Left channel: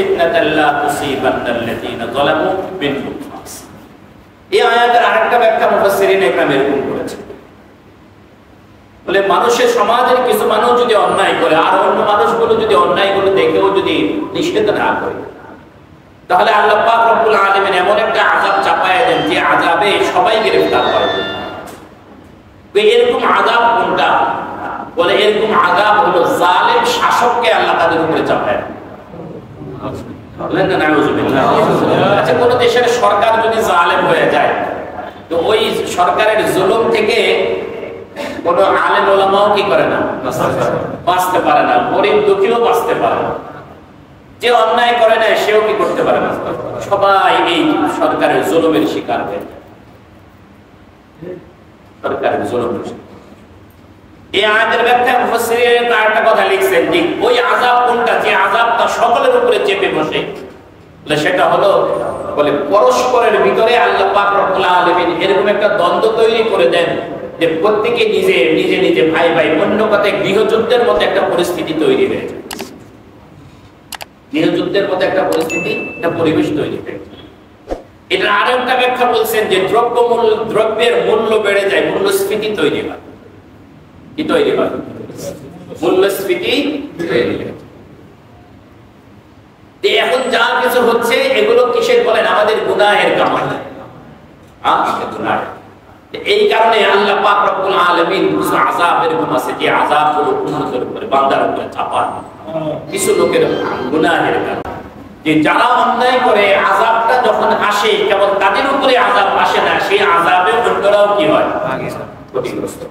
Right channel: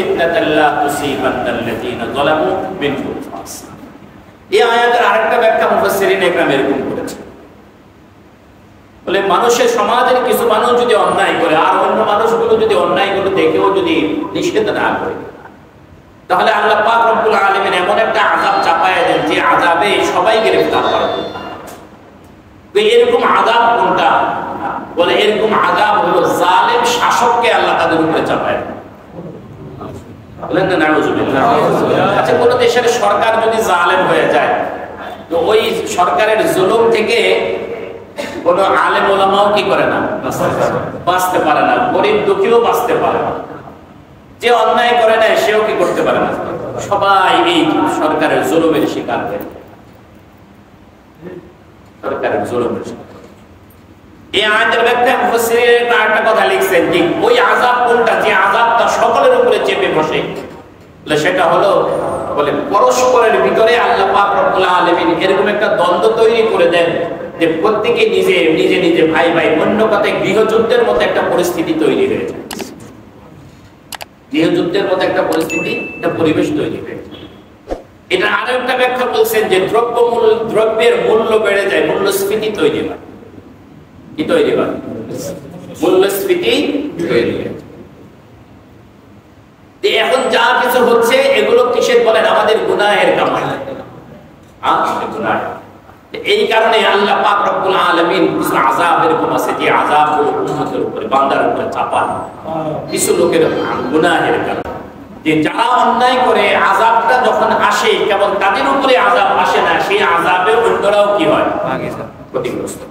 ফিতনাতাল লা তুসিবান্নাল্লাযীনা যালামু মিনকুম খাসসা। এই আয়াতের আরেকটা ব্যাখ্যা মুফাসসিরিন এখানে এরকম করেছেন, বলে মানুষের সমাজের কিছু মানুষ যদি অন্যায় করে আর অন্য মানুষগুলো যদি অন্যায়গুলো দেখেও যদি নিষেধ না করে, তাহলে আল্লাহ পাক রব্বুল আলামিন এমন একটা আযাব চাপায় দেন যে আযাবে সবাই গ্রেফতার হয়। এরকম আযাব কোনটা? বলে এরকম আযাব হলো জালেম শাসককে আল্লাহ তাদের উপরে চাপায় দেন। বলেন না নাউযুবিল্লাহ। আচ্ছা, কোন দেশের সরকার যদি জালেম হয়ে যায়, তো ওই সরকারের জুলুম থেকে কোন আলেম ওলামাও কি করে না, বাঁচতে পারে না, গরিব দুঃখীও বাঁচতে পারে না, যে অন্যায় করে না সেও কি করতে পারে না, সবাই এই সরকারের জুলুমের শিকার হয়ে যায়। সরকারের জুলুমের শিকার। এই আয়াতের ব্যাখ্যায় মুফাসসিরিন আরেকটা কথা লিখছেন যে ওই আযাব কোনটা, যে আযাবটা সকলের উপরে চেপে বসে, সেটা হলো বলে পরস্পরের ভিতরে আল্লাহ পাক রব্বুল আলামিন এরকম একটা দ্বন্দ্ব তৈরি করে দেন যে প্রত্যেকে নিজে নিজে নিজে ভাই ভাই, অন্য কথায় গৃহযুদ্ধের মতো একটা পরিস্থিতি তৈরি হয়ে যায়। গৃহযুদ্ধের মতো একটা পরিস্থিতি, একটা পরিবেশ তৈরি হয়ে যায়। এটা আরেকটা ব্যাখ্যা বলছেন যে দ্রব্যের মূল্য বেড়ে যায়, মূল্যস্ফীতি তৈরি হয়। কি তৈরি হয়? মূল্যস্ফীতি তৈরি হয়। এখন যা কিছু হচ্ছে এগুলো কিসের বলেন? আমাদের গুনাহের কামাই। এই কারণে আল্লাহ পাক রব্বুল আলামিন কিছু আযাব এরকম আছে যে আযাবগুলো উম্মতের উপরে, বান্দার উপরে চাপান কিছু লোকের গুনাহের কারণে। যে যারা অন্যায় করে আযাবটা যখন আসে কেবল তাদের উপরে আযাব আসে না, সেই আযাবে অন্যরাও কি হয়? ক্ষতিগ্রস্ত।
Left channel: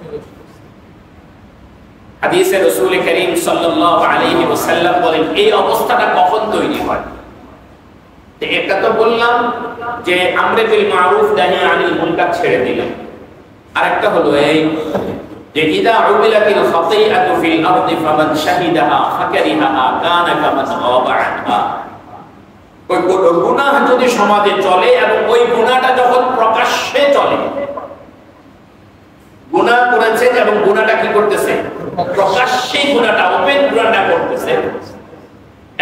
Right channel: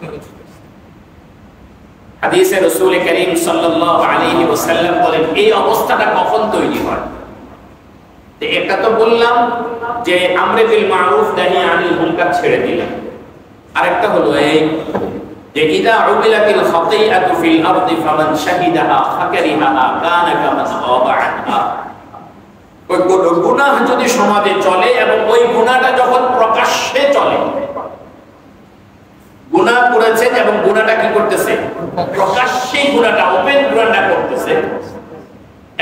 হাদিসে রাসূল করিম সাল্লাল্লাহু আলাইহি ওয়াসাল্লাম বলেন এই অবস্থাটা কখন তৈরি হয়? তো এটা তো বললাম যে আমরে বিল মারুফ নাহি আনিল মুনকার ছেড়ে দিলেন। আরেকটা হলো এই যে ইদা উবিলাতিল খাতিআতু ফিল আরদি ফামান শাহিদাহা ফাকারিহাহা কানা কামান গাবা আনহা। ওই গুনাহ যদি সমাজে চলে এবং ওই গুনাহটা যখন প্রকাশ্যে চলে, গুনাহ করেছে এবং গুনাহটা কি করতেছে? প্রকাশ্যে গুনাহটা, ওপেন গুনাহটা করতেছে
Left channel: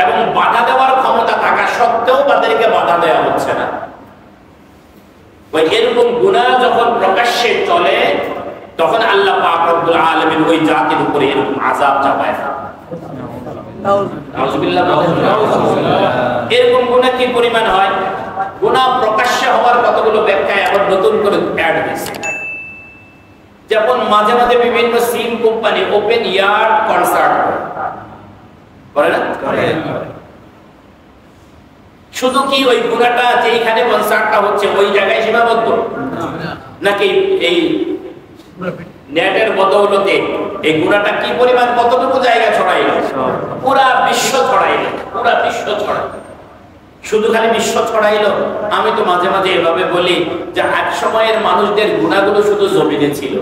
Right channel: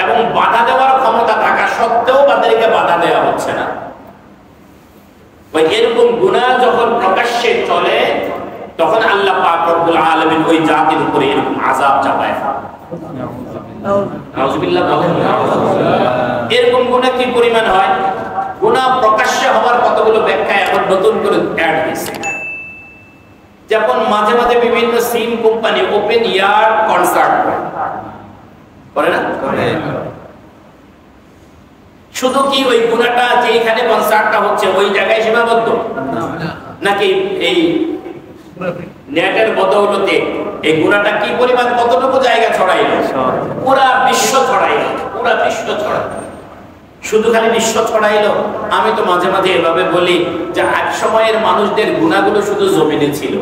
এবং বাধা দেওয়ার ক্ষমতা থাকা সত্ত্বেও তাদেরকে বাধা দেওয়া হচ্ছে না। ওই এরকম গুনাহ যখন প্রকাশ্যে চলে তখন আল্লাহ পাক রব্বুল আলামিন ওই জাতির উপরে এরকম আযাব চাপায়। নাউযুবিল্লাহ। এরকম গুনাহ কি পরিমাণ হয়? গুনাহ প্রকাশ্যে হওয়ার কতগুলো ব্যাখ্যা এখন নতুন করে অ্যাড হয়েছে। যেমন মাঝে মাঝে বিভিন্ন সিম কোম্পানি ওপেন ইয়ার কনসার্ট করে না? শুধু কি ওই গুনাহটা যেখানে কনসার্টটা হচ্ছে ওই জায়গায় সীমাবদ্ধ, নাকি এই নেটের বদৌলতে এই গুনাহটা কি পরিমাণ কতটুকু জায়গা ছড়াইলো? পুরা বিশ্ব ছড়াইলো, পুরা বিশ্ব ছড়াইলো। শুধু খালি বিশ্ব ছড়াইলো? আমি তো মাঝে মাঝে এভাবে বলি যে এক সময়ের মানুষদের গুনাহগুলো শুধু জমিনে ছিল।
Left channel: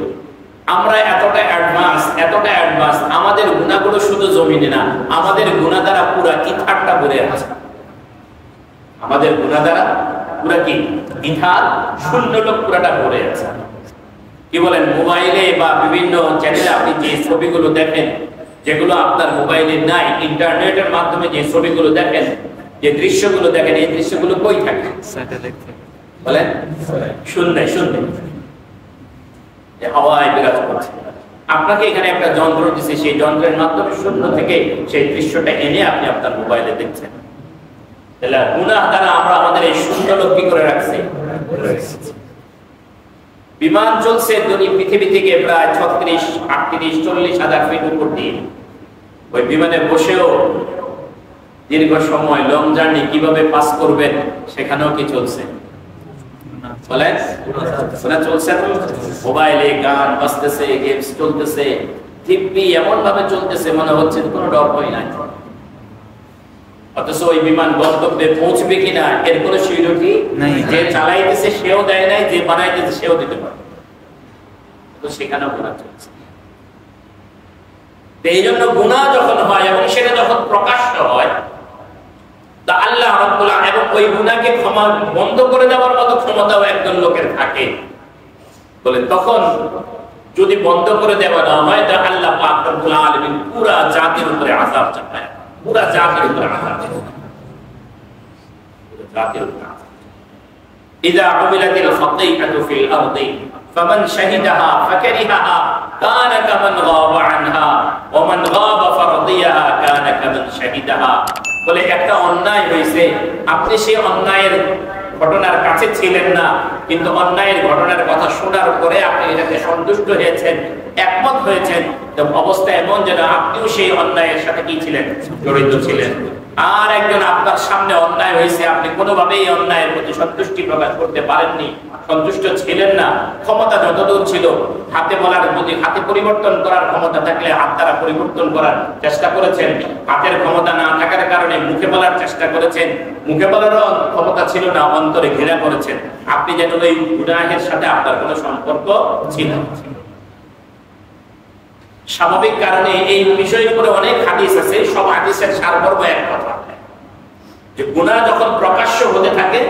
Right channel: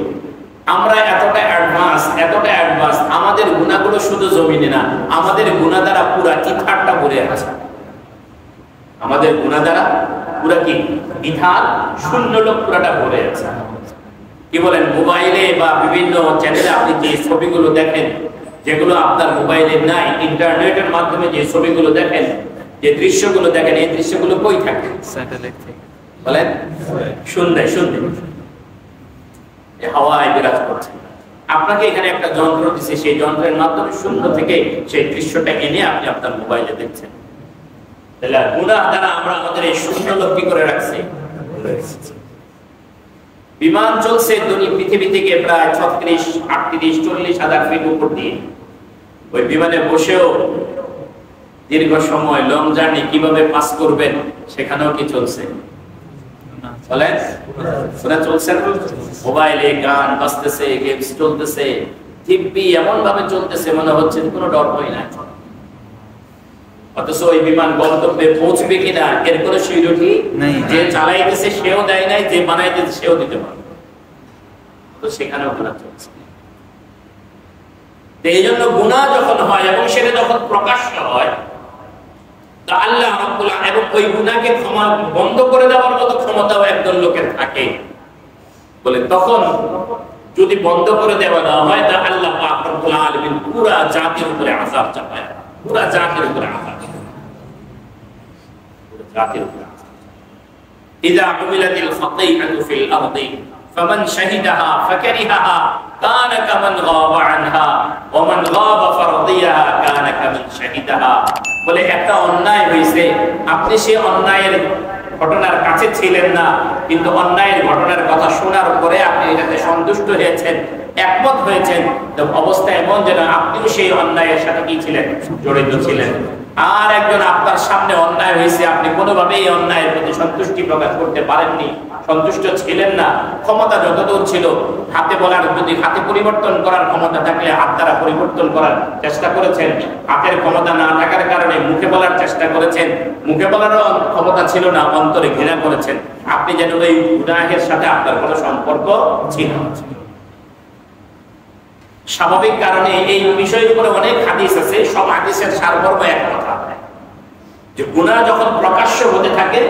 আমরা এতটা অ্যাডভান্স, আমাদের গুনাহগুলো শুধু জমিনে না, আমাদের গুনাহ দ্বারা পুরা ইথারটা ভরে আছে। আমাদের গুনাহ দ্বারা পুরা কি ইথার, শূন্য লোক পুরাটা ভরে আছে। কি বলেন? মোবাইলে বা বিভিন্ন চ্যানেলে আপনি যে ছবিগুলো দেখেন, যেগুলো আপনার মোবাইলে নাই, ইন্টারনেটের মাধ্যমে যে ছবিগুলো দেখেন, যে দৃশ্যগুলো দেখেন, এই দৃশ্যগুলো কই থাকে? বলেন শূন্য, হাওয়ায় বিরাজ করছে। আপনাকে এখানে একটা যন্ত্র দিচ্ছে, সেই যন্ত্রের মাধ্যমে শূন্য থেকে সেই দৃশ্যটা এনে আপনি আপনার মোবাইলে দেখছেন। তাহলে গুনাহ দ্বারা আমরা আমাদের এই শূন্য লোক কি করে রাখছি? বিমান চলছে পৃথিবী থেকে প্রায় 36, 38, 40 হাজার ফিট উপর দিয়ে। ওই বিমানে বসেও দীর্ঘ সময় লং জার্নি কিভাবে পাস করবেন সেখানেও কি চলছে? বলেন শোনা চলছে। মোবাইলে গান বাজতেছে, গেমস চলতেছে, দিব্যি এমন ভাবে চলতেছে মনে হচ্ছে কোনো ডর ভয় নাই। অথচ ওই বিমান গন্তব্যে পৌঁছবে কিনা এর কোনো সিউরিটি নাই। যে চালাইতেছে সেও দেয় নাই, যে বানাইতেছে সেও দিতে পারে। তো সেখানেও গুনাহ চলছে। এই জন্য গুনাহ যখন হয় এবং সেটা যখন প্রকাশ্য হয়, তা আল্লাহ রাব্বুল আলামিন এবং ওই গুনাহকে ক্ষমা বন্ধ করে দেওয়ার মতো ক্ষমতাও একজন লোকের থাকে বলে, তখন যদি বন্ধ করে দেওয়া না হয় তা আল্লাহ পাক রব্বুল আলামিন পুরা জাতির উপরে আযাব চাপায়, পুরা জাতির উপরে আযাব। রাতের উপরে ইযা উমিলাতিল খাতিআতু ফিল আরদি ফামান শাহিদাহা ফাকারিহাহা কানা কামান গাবা আনহা ওয়া মান গাবা ফারদিয়াহা কানা কামান শাহিদাহা। বলে একটা অন্যায় হয়েছে, আপনি সেই অন্যায়ের ঘটনার কাছে ছিলেন না, কিন্তু অন্যায়ের ঘটনার কথা শোনার পরে আপনি এটাতে সন্তুষ্ট হয়েছেন, একমত হয়েছেন, অবস্থা এমন যেন আপনিও সেই অন্যায়ের সাথে কি ছিলেন, জড়িত ছিলেন। আর একজন আপনার সামনে অন্যায় হয়েছে, আপনি কোনোভাবেই এই অন্যায়ের প্রতি সন্তুষ্টি প্রকাশ করতে পারেননি, সন্তুষ্ট ছিলেন না। ক্ষমতা যতদূর ছিল, হাতে বলার যদি হাতে পরিবর্তন করার ক্ষমতা থাকলে হাত দ্বারা পরিবর্তন করার চেষ্টা করেছেন, হাতের ক্ষমতা না থাকার কারণে মুখে বলার চেষ্টা করেছেন, মুখে বলারও ক্ষমতা ছিল না, অন্তরে ঘৃণা করেছেন। আপনি যেন এই গুনাহের সাথে আপনার কোনো সম্পর্ক ছিল। স্বাভাবিক কারণে এই বিষয়ের উপরে অনেক হাদিস আছে, সব হাদিসের সারমর্ম এক কথা, যে গুনাহ যখন প্রকাশ্য হতে থাকে,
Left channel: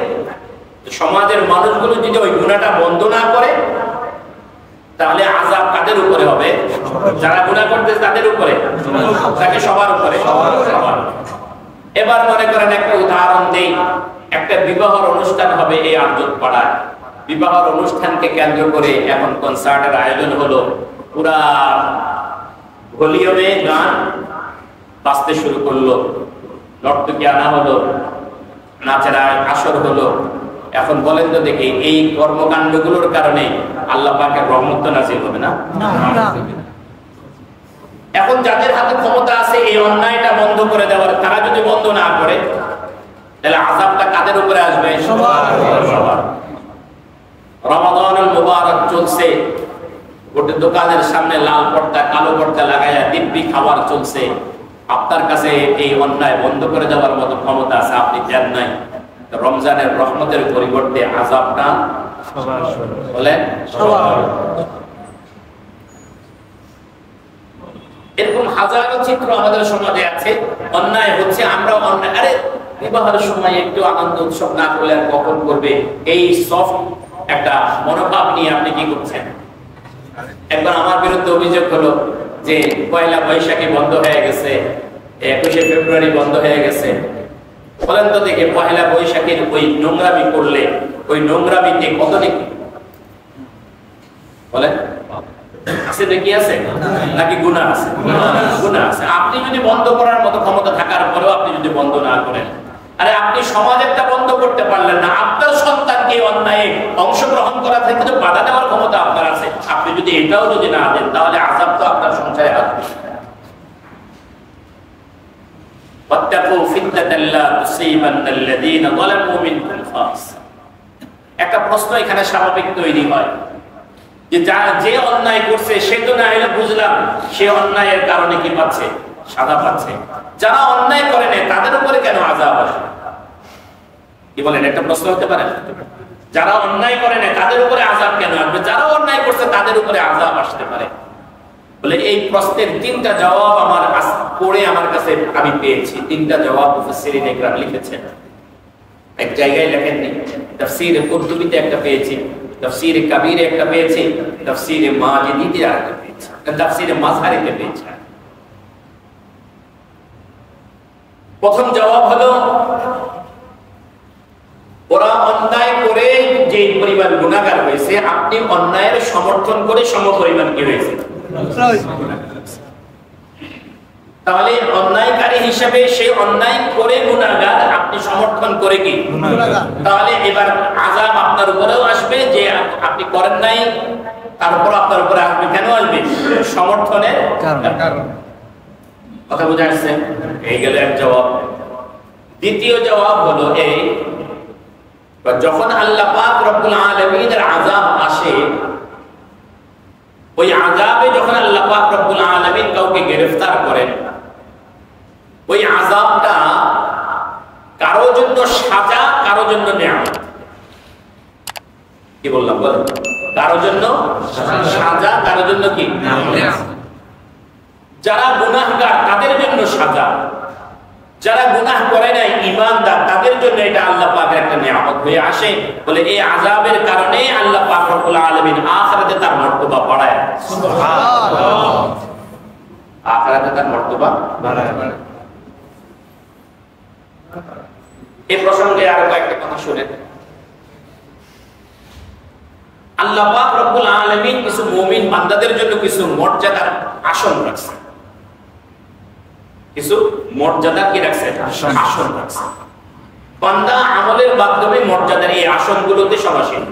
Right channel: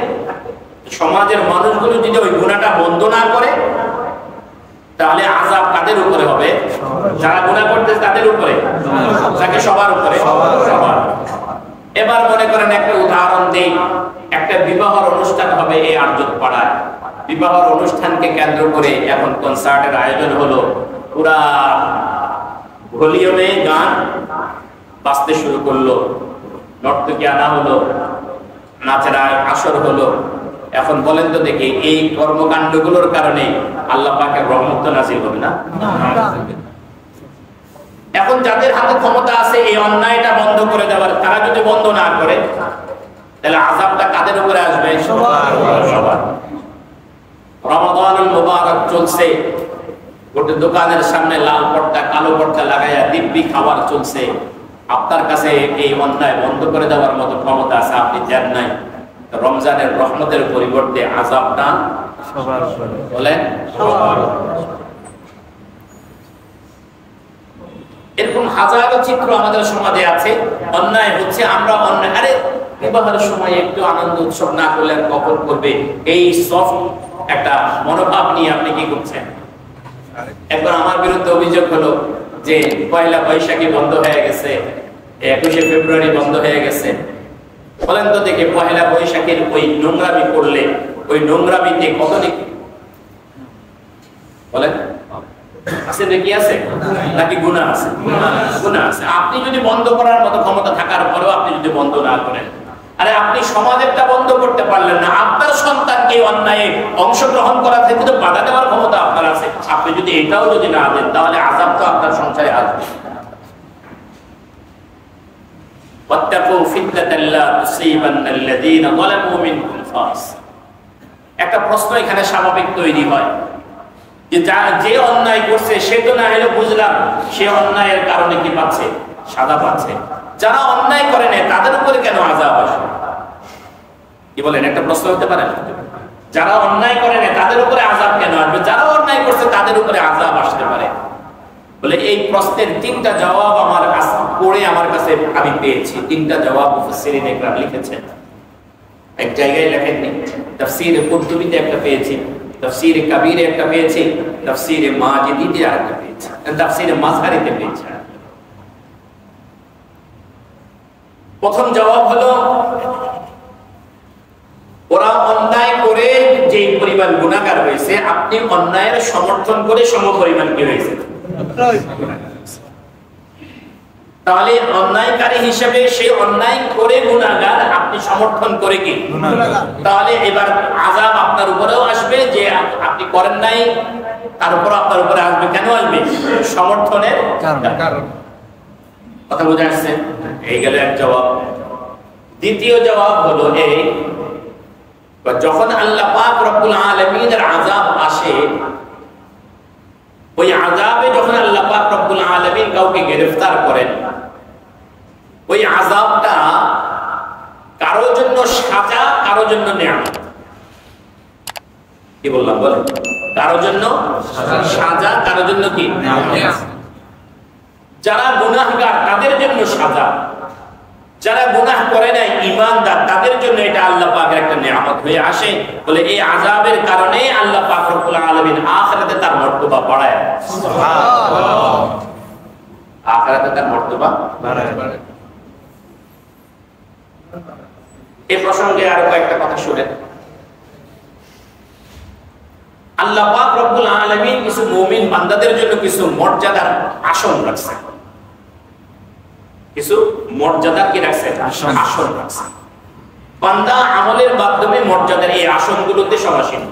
সমাজের মানুষগুলো যদি ওই গুনাহটা বন্ধ না করে, তাহলে আযাব কাদের উপরে হবে? যারা গুনাহ করতেছে তাদের উপরে, তাকে সবার উপরে। এবার মনে করেন একটা উদাহরণ দেই, একটা বিবাহের অনুষ্ঠান হবে এই আরজত পাড়ায়। বিবাহের অনুষ্ঠানকে কেন্দ্র করে এখন কনসার্টের আয়োজন হলো, পুরা ভলিউমে গান বাজতে শুরু করলো, নর্তকী আনা হলো, নাচের আসর হলো। এখন বলেন তো দেখি, এই কর্মকাণ্ডগুলোর কারণে আল্লাহ পাকের রহমত তো নাযিল হবে না? এখন যাদের হাতে ক্ষমতা আছে এই অন্যায়টা বন্ধ করে দেওয়ার, তারা যদি বন্ধ না করে, তাহলে আযাবটা কাদের উপরে আসবে? সবার। রমাদানুল মুবারক চলছে, গোটা দোকানের সামনে লাল পর্দা কালো পর্দা লাগাইয়া দিব্যি খাবার চলছে। আপনার কাছে এই অন্যায় বন্ধ করে দেওয়ার মতো ক্ষমতা আছে, আপনি দেন নাই। রমজানের রহমতের পরিবর্তে আযাবটা সবার উপরে। বলেন সবার। এরকম হাজারো চিত্র আমাদের সমাজে আছে। অন্যায় হচ্ছে, আমরা অন্যায়, আরে বিবাহের সময় একটু আনন্দ উৎসব না করলে আর কখন করবে, এই সফট একটা মনোভাব নিয়ে আপনি কি করছেন। একবার আমার বিরুদ্ধে অভিযোগ হলো যে পয়লা বৈশাখী বন্ধ হয়ে গেছে, 21শে ফেব্রুয়ারি বন্ধ হয়ে গেছে। বলেন তো দেখে, পয়লা বৈশাখীর ওই নোংরামি করলে ওই নোংরামিতে কত নাকি বলেন আছে, নাকি আছে নাকি গুনাহ আছে? গুনাহ আছে। আপনি যদি বন্ধ করার মতো ক্ষমতা থাকার পরেও আপনি যদি বন্ধ না করেন, আরে আপনি সমাজেরটা বন্ধ করতে পারলেন না, আপনার সন্তানকে অন্যায় অংশগ্রহণ করা থেকে তো বাধা দেওয়ার ক্ষমতা আপনার আছে। আপনি যদি এটাও যদি না দেন, তাহলে আযাব তো আপনার সংসারে আসবে। একটা প্রশ্ন এখানে স্বাভাবিক তৈরি হয় যে যে অন্যায় করছে সে তো না হলে বুঝলাম সে অন্যায়ের কারণে কি পাচ্ছে? সাজা পাচ্ছে। যারা অন্যায় করে নেয় তাদের উপরে কেন আযাব আসে? কি বলেন, একটা প্রশ্ন হতে পারে? যারা অন্যায় করে নেয় তাদের উপরে আযাব কেন আসবে? যারা অন্যায় করছে তাদের উপরে আযাব আসতে পারে। বলে এই প্রশ্নের তিনটা জবাব আমার পড়ে আমার কাছে আমি পেয়েছি। তিনটা জবাব মুফাসসিরিন ইকরাম লিখেছেন, এক জায়গায় লেখেননি। তাফসীরে কুরতুবীতে একটা পেয়েছি, তাফসীরে কাবীরে একটা পেয়েছি, তাফসীরে মাজিদিতে আরেকটা পেয়েছি, তাফসীরে মাযহারিতে পেয়েছি। প্রথম জবাব হলো, ওরা অন্যায় করে যে পরিমাণ গুনাহগার হয়েছে, আপনি অন্যায়ের সমর্থন করে সমপরিমাণ কি হয়েছে? তাহলে অন্যায়কারী হিসেবে সে অন্যায় করে গুনাহগার, আপনি সমর্থন করে কি? তাহলে এবার আযাব আপনার উপরেও আসবে, যে আপনি করেন নাই তার উপর আপনার উপরে আসবে। কেন আসবে? সমর্থনের কারণে। কথা বুঝা আসছে? এই গেল এক জবাব। দ্বিতীয় জবাব হলো এই, যখন আল্লাহ পাক রব্বুল আলামিনের আযাব আসে, ওই আযাবে যখন আল্লাহ পাক রব্বুল আলামিন কাউকে গ্রেফতার করেন, ওই আযাবটা কারোর জন্য সাজা, কারোর জন্য নিয়ামত। কি বললাম বলেন? কারোর জন্য সাজা, কারোর জন্য কি নিয়ামত। যারা গুনাহগার তাদের জন্য সাজা, যারা গুনাহ করে নাই ঈমানদার তাদের জন্য এটা আল্লাহ পাকের একটা নিয়ামত হয়ে আসে। বলে এই আযাবের কারণে আল্লাহ পাক রব্বুল আলামিন আখিরাতে তার মর্তবা বাড়ায়। সুবহানাল্লাহ। আখিরাতে তার মর্তবা বাড়ায়। এই প্রসঙ্গে আরো কয়েকটা কথা শুনেন। আল্লাহ পাক রব্বুল আলামিন কিছু মুমিন বান্দাদের জন্য কিছু মর্যাদার আসন রাখছেন, কিছু মর্যাদা কি রাখছেন? আসন রাখছেন। বান্দা আমলের মাধ্যমে মর্যাদার এই আসনগুলোতে সমাসীন।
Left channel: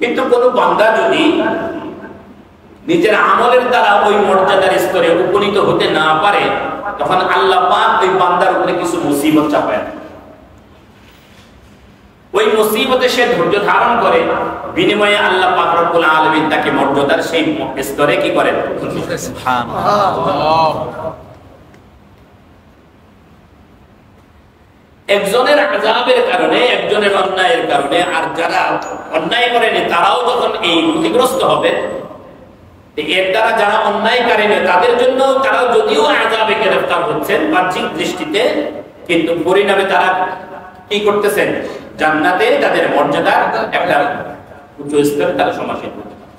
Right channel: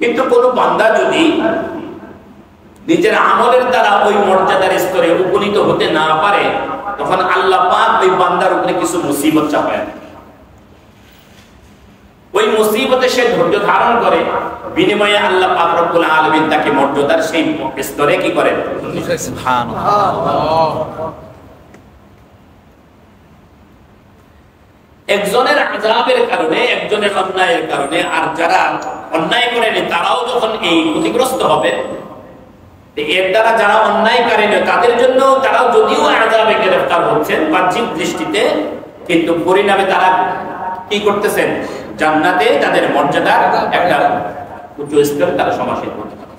কিন্তু কোন বান্দা যদি নিজের আমলের দ্বারা ওই মর্যাদার স্তরে উপনীত হতে না পারে, তখন আল্লাহ পাক ওই বান্দার উপরে কিছু মুসিবত চাপায়। ওই মুসিবতে সে ধৈর্য ধারণ করে, বিনিময়ে আল্লাহ পাক রব্বুল আলামিন তাকে মর্যাদার সেই স্তরে কি করেন? সুবহানাল্লাহ। একজনের আযাবের কারণে, একজনের অন্যায়ের কারণে, আর যারা অন্যায় করেনি তারাও যখন এই ক্ষতিগ্রস্ত হবে, এর দ্বারা যারা অন্যায়কারী নয় তাদের জন্য তারাও যদিও আযাবে গ্রেফতার হচ্ছেন বাহ্যিক দৃষ্টিতে, কিন্তু পরিণামে তারা কি করতেছেন? জান্নাতে তাদের মর্যাদা একটা উচ্চ স্তরে তারা সমাসীন করতে পারে।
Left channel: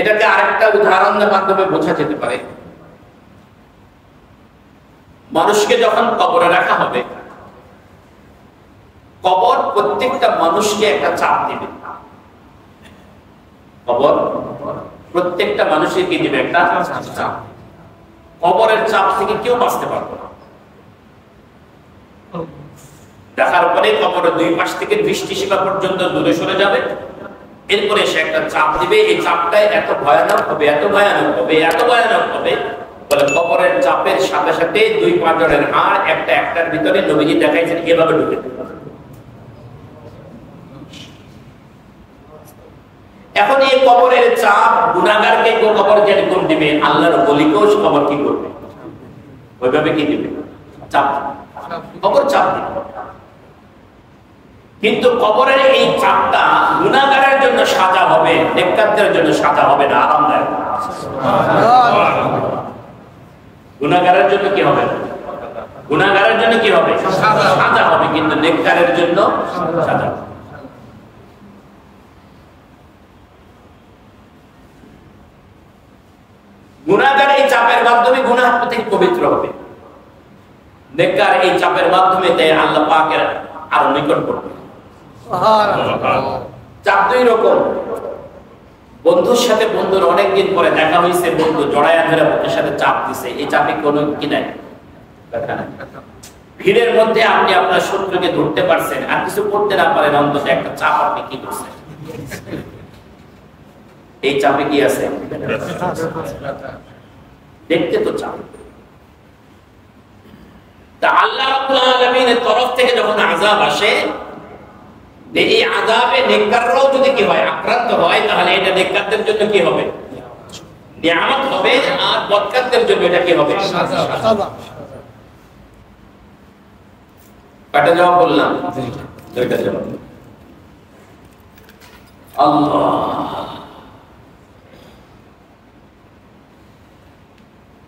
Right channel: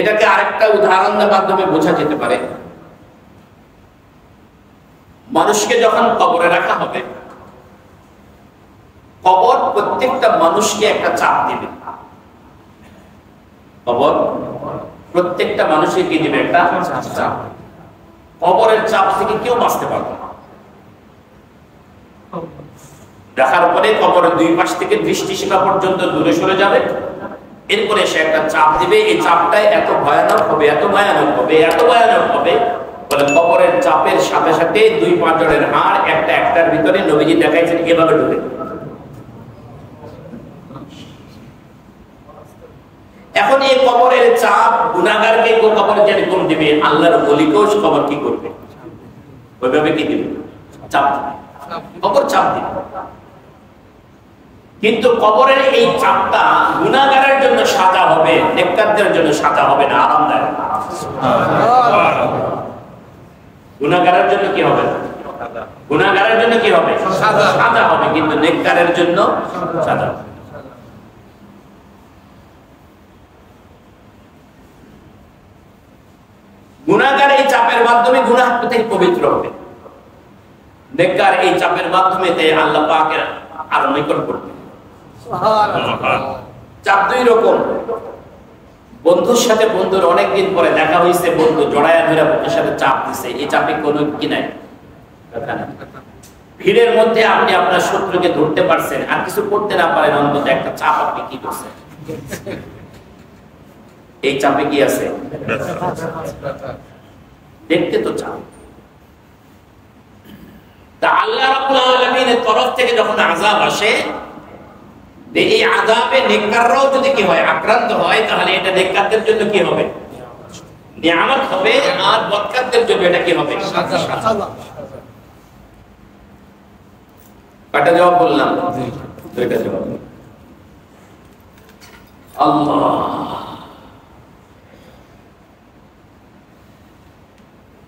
এটাকে আরেকটা উদাহরণের মাধ্যমে বোঝা যেতে পারে। মানুষকে যখন কবরে রাখা হবে, কবর প্রত্যেকটা মানুষকে একটা চাপ দিবে। কবর প্রত্যেকটা মানুষকে কি দিবে? একটা চাপ। কবরের চাপ থেকে কেউ বাঁচতে পারবে না। দেখার পরে কবরের দুই পাশ থেকে দৃষ্টিসীমা পর্যন্ত দূরে সরে যাবে। এরপরে সে একটা চাপ দিবে। এই চাপটাই এত ভয়ানক হবে, এত ভয়ানক হবে, এত ভয়ানক হবে, বলে কবরের চাপের সাথে সাথে দুই পাঁজরের হাড় একটা একটার ভিতরে নবীজি দেখাইছেন এভাবে ঢুকে। এখন এই কবরের চাপ গুনাহগারকে কবর যেরকম দিবে, আল্লাহর ওলিকেও কবর কি করবে? ওইভাবে কি দিবে? চাপ। কবর চাপ দিবে। কিন্তু কবরের এই চাপটা গুনাহগারের জন্য সাজা হবে, নেককারদের জন্য সাজা হবে না, আরামদায়ক। গুনাহগারের জন্য কি হবে? গুনাহগারের জন্য কি হবে? সাজা হবে, কিন্তু নেককারের জন্য সাজা হবে। গুনাহগার এই চাপের মাধ্যমে গুনাহ থেকে পবিত্র হবে, নেককার এই চাপের মাধ্যমে আল্লাহ পাকের আরো নিকট করবে। চাপ দুই রকম। বন্ধুর সাথে বন্ধুর অনেকদিন পরে দেখা হয়েছে, বন্ধু জড়ায়া ধরে বুকের সাথে চাপ দিছে, এই চাপে কোনো কি নাই? ভিড়ের মধ্যে আপনি আপনার শত্রুকে ধরতে পারছেন, আর কিছু করতে না পারেন, অন্তত একটা চাপ আপনি কি করছেন? এই চাপে কি আছে? দেখতে তো চাপ। তা আল্লাহ রাব্বুল আলামিনের তরফ থেকে যখন আযাব আসে, এই আযাবে নেককাররাও যদি কি হয়? আক্রান্ত হয়, তাহলে এটা নেককারদের জন্য কি হবে? নিয়ামত হবে, আর বদকারদের জন্য এটা কি হবে? সাজা। কয়টা জবাব বললাম? দুইটা জবাব। আল্লাহ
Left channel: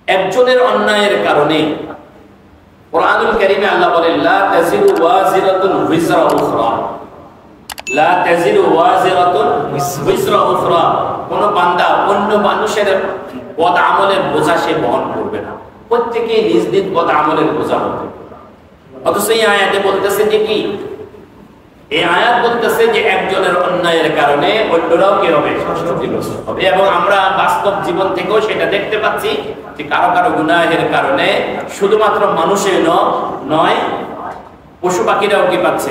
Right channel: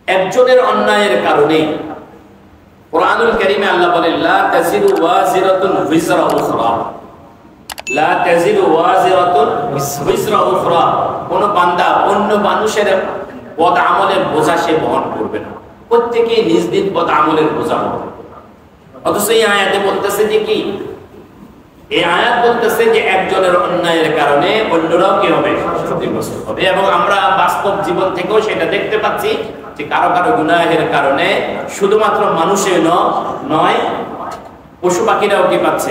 একজনের অন্যায়ের কারণে, কুরআনুল কারীমে আল্লাহ বলেন লা তাজিরু ওয়াজিরাতুন বিজরা উখরা, লা তাজিরু ওয়াজিরাতুন বিজরা উখরা। কোন বান্দা অন্য মানুষের বদ আমলের বোঝা সে বহন করবে না, প্রত্যেকই নিজ নিজ বদ আমলের বোঝা হবে। অথচ এই আয়াতে বলতেছে যে কি? এই আয়াত বলতেছে যে একজনের অন্যায়ের কারণে অন্যরাও কি হবে? ক্ষতিগ্রস্ত হবে। এবং আমরা বাস্তব জীবন থেকেও সেটা দেখতে পাচ্ছি যে কারো কারো গুনাহের কারণে শুধুমাত্র মানুষের নয়, পশু পাখিরাও কি পাচ্ছে?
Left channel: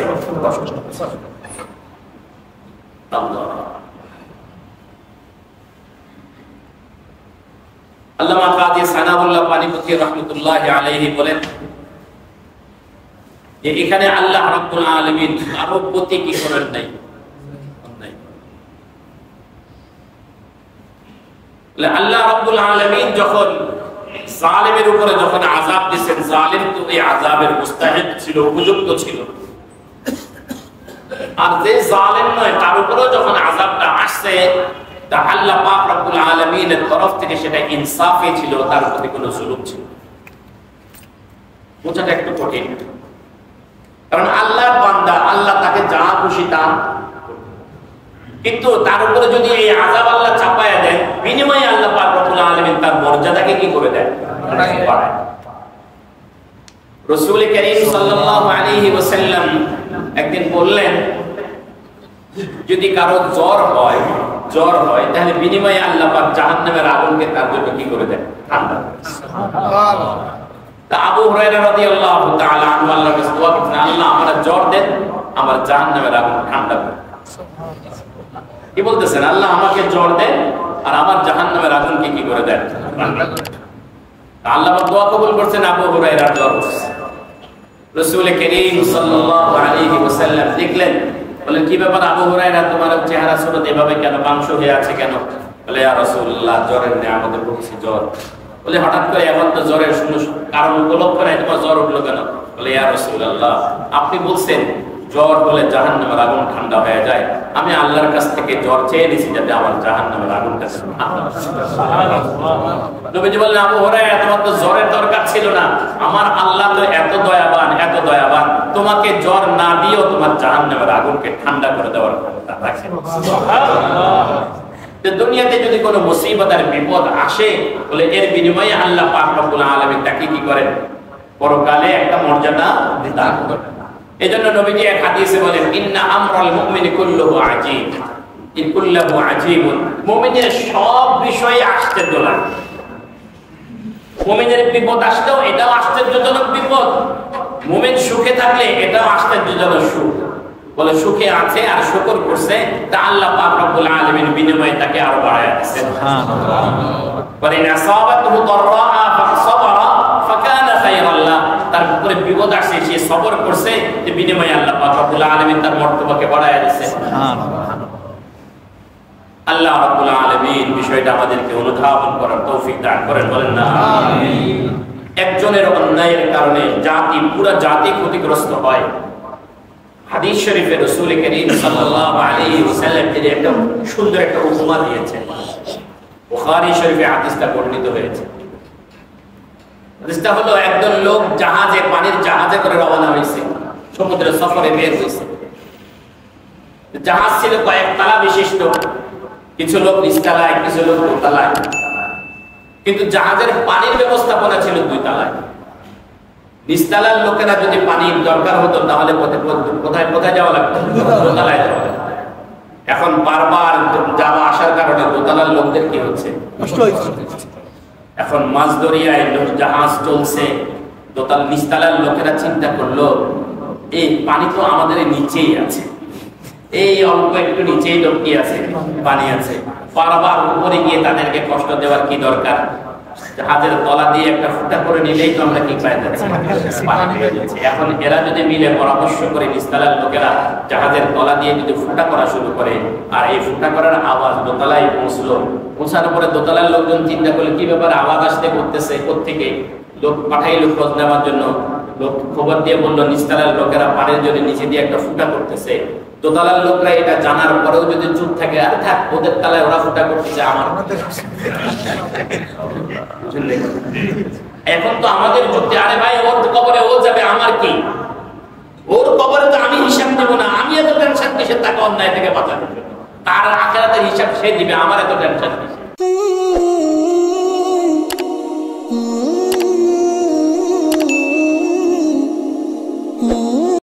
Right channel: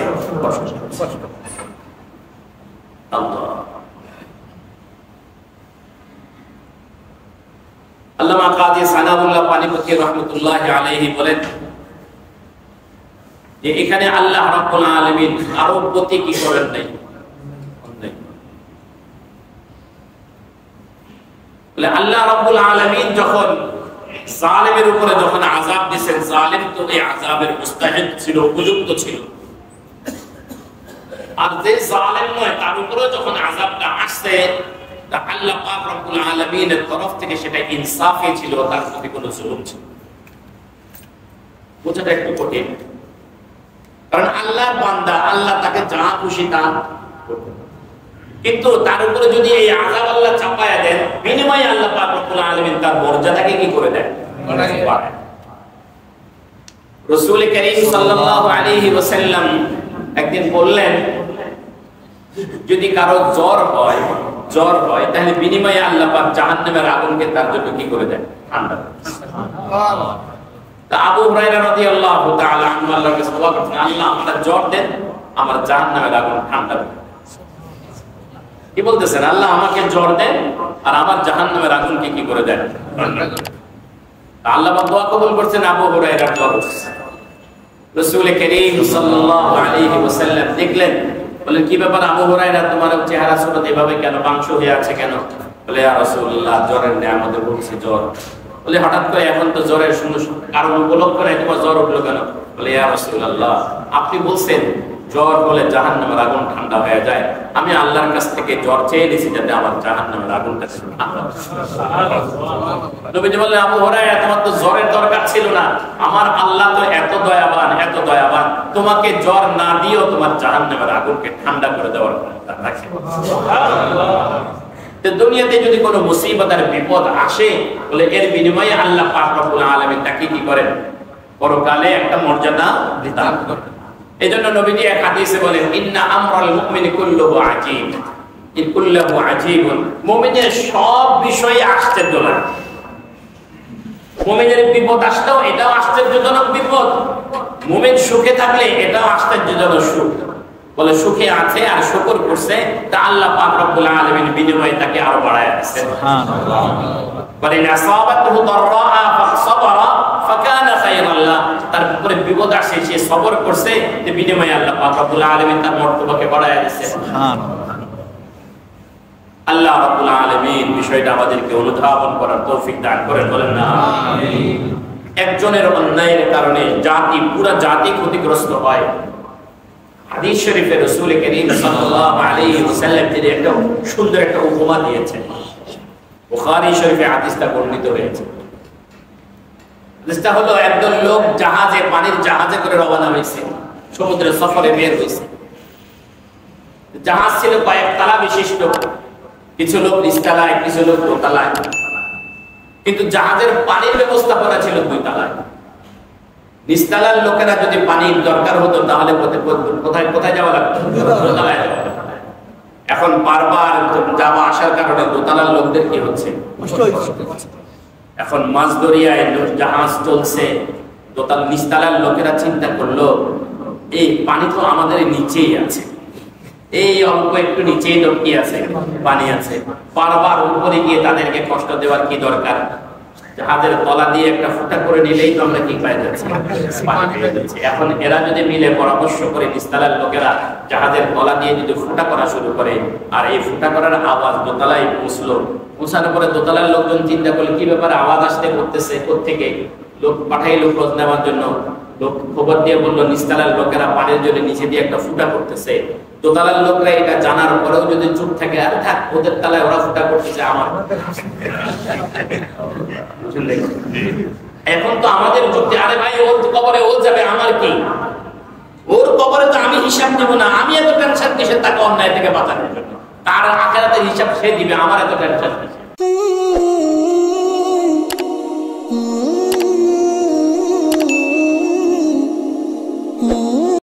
আল্লামা কাজী সানাউল্লাহ পানিপতি রাহমাতুল্লাহি আলাইহি বলেন যে এখানে আল্লাহ রাব্বুল আলামিন কারো প্রতি কি করেন নাই? আল্লাহ রাব্বুল আলামিন যখন জালেমের উপরে যখন আযাব দিয়েছেন, জালেম তো এই আযাবের মুস্তাহিক ছিল, উপযুক্ত ছিল। আর যে জালেম নয় তার উপরেও যখন আযাবটা আসছে, তা আল্লাহ পাক রব্বুল আলামিনের তরফ থেকে সেটা ইনসাফে ছিল, তার প্রতি কোনো জুলুম ছিল। বোঝাটা একটু কঠিন, কারণ আল্লাহর বান্দা, আল্লাহ তাকে যা খুশি তা, কিন্তু তার উপরে যদি এই আযাব আল্লাহ চাপায়া দেন, বিনিময়ে আল্লাহ পাক রব্বুল আলামিন তার মর্যাদাকে কি করে দেন? রাসূল করিম সাল্লাল্লাহু আলাইহি ওয়াসাল্লাম একদিন বললেন, যদি কারো জ্বর হয় তাহলে বিনিময়ে আল্লাহ পাক জাহান্নামের আগুনকে তার জন্য কি করে দেন? ঠান্ডা। তা আবু হুরায়রা রাদিয়াল্লাহু তাআলা আনহু আল্লাহর কাছে দোয়া করতেন, আল্লাহ আমার জ্বর দেন, আমার জাহান্নামের আগুন ঠান্ডা করুন। কি বলতেছেন? আল্লাহ আমাকে জ্বর দেন আর আমার জাহান্নামের আগুনকে কি করে দেন? আল্লাহ পাক দোয়া কবুল করছেন। আবু হুরায়রার জ্বর হচ্ছে। রাসূল করিম সাল্লাল্লাহু আলাইহি ওয়াসাল্লাম দেখলেন, বলেন কি ব্যাপার আবু হুরায়রা, তোমার চেহারা সুরত এভাবে কেন, মাংস হয়ে আছে কেন? বলে ইয়া রাসূলুল্লাহ, জ্বরের নিয়ামতে ভুগছি, জ্বর। বলে হঠাৎ করে এখন তো জ্বরের কারণ উপলক্ষ নাই, তোমার জ্বর উঠলো কেন? বলে ইয়া রাসূলুল্লাহ, আপনি বলছেন জ্বর হলে জাহান্নামের আগুন ঠান্ডা হয়ে যায়, আমি আল্লাহর কাছ থেকে জ্বর চেয়ে নিয়েছি যাতে আমার জাহান্নামের আগুনটা ঠান্ডা হয়। নবীজি বললেন, আবু হুরায়রা, তোমার তো জ্বরের দরকার ছিল না, আমার আল্লাহ তো এত দয়াবান, তোমাকে জ্বর না দিয়েও তোমার জাহান্নামের আগুনকে ঠান্ডা করে দেওয়ার ক্ষমতা রাখে। দুনিয়াতে যদি কোনো মুসিবত আর বিপদ আসে, বলে এর বিনিময়ে আল্লাহ পাক রব্বুল আলামিন তাকে কি করেন? পরকালে একটা মর্যাদা দান করেন। এজন্য নবীজি এক হাদিসে বলেন, ইন্না আমরাল মুমিনি কুল্লুহু আজীব, কুল্লুহু আজীবুন। মুমিনের সব বিষয় আশ্চর্য লাগে। মুমিনের বিপদ আসলেও এটাও আশ্চর্যজনক বিপদ, মুমিন সুখে থাকলে এটাও আশ্চর্যজনক সুখ। বলে সুখে আছে আর শুকর করছে, তা আল্লাহ পাক রব্বুল আলামিন বিনিময়ে তাকে আরো বাড়ায় দিয়েছেন। সুবহানাল্লাহ। বলে আসাবাতুহু দাররা ফাসাবারা ফাকানা খায়রান লাহ, তার উপরে বিপদ আসে, সে সবর করছে, যে বিনিময়ে আল্লাহ পাক রব্বুল আলামিন তার মর্তবাকে বাড়ায় দিয়েছেন। সুবহানাল্লাহ। আল্লাহ রাব্বুল আলামিন বিষয়টা আমাদেরকে অনুধাবন করার তৌফিক দান করেন, বলেন না আমিন। একজনের অন্যায়ের কারণে পুরো জাতি ক্ষতিগ্রস্ত হয়। হাদিস শরীফে রাসূল করিম সাল্লাল্লাহু আলাইহি ওয়াসাল্লাম তিনি একটা সুন্দর একটা উপমা দিয়েছেন। বুখারী শরীফে হাদিসটা বর্ণিত হয়েছে। হাদিসটা হলো, একদল লোক পানির জাহাজে করে রওনা হয়েছে, সমুদ্র সফরে বের হয়েছে। জাহাজ ছিল কয়েক তলা বিশিষ্ট, কিছু লোক নিচতলায়, কিছু লোক দোতলায়, কিন্তু জাহাজের পানির ব্যবস্থাপনা ছিল 2 তলায়। নিচতলার লোকেরা যদি পানির দরকার হতো তাহলে কোথায় যাওয়া লাগতো? দোতলায় যাওয়া লাগতো। এখন বারবার যাওয়া আসার কারণে দোতলার লোকদের কি হচ্ছে? এখন মাছ দরিয়ায় জাহাজ চলছে, নিচতলার লোকেরা চিন্তা করলো, এই পানি তো আমাদের নিচেই আছে, এই অল্প একটু নিচেই তো কি আছে? পানি আছে। বারবার উপরে গিয়ে তাদেরকে কষ্ট দেওয়ার কি দরকার? জাহাজের তলা দিয়ে একটা ফুটা করে নিলেই তো আমরা কি পাই যাচ্ছি? পানি পেয়ে যাচ্ছি। এখন এরা যদি মিলে পরামর্শ করে, নিচতলার লোকেরা জাহাজের তলা দিয়ে যদি ফুটা করা শুরু করে, আর এই ফুটা করার আওয়াজ দোতলায় পৌঁছানোর পরে দোতলার লোকজন চিন্তা করলে কি ব্যাপারে আওয়াজ আসতে করতেছে, কোত্থেকে? লোক পাঠাইলো খোঁজ নেওয়ার জন্য। লোক খবর দিয়ে বললো, নিচতলার লোকেরা পানির জন্য নিচে দিয়ে একটা ফুটা করতেছে। দোতলার লোকরা এটা জানার পরেও যদি চুপ থাকে, আর থাক, ওদের তলায় ওরা ফুটা করতেছে, আমার এখন তো আমাদের যুক্তি, আরে ভাই ওর কবরে ও যাবে, আমার কি? ওর কবরে তো আমি হিসাব দেব না, আমি এত টেনশন কিসের তাকে অন্যায় থেকে বাঁচানোর জন্য? তার আখিরাতের হিসাব সে দিবে, আমার এত টেনশন কিসের?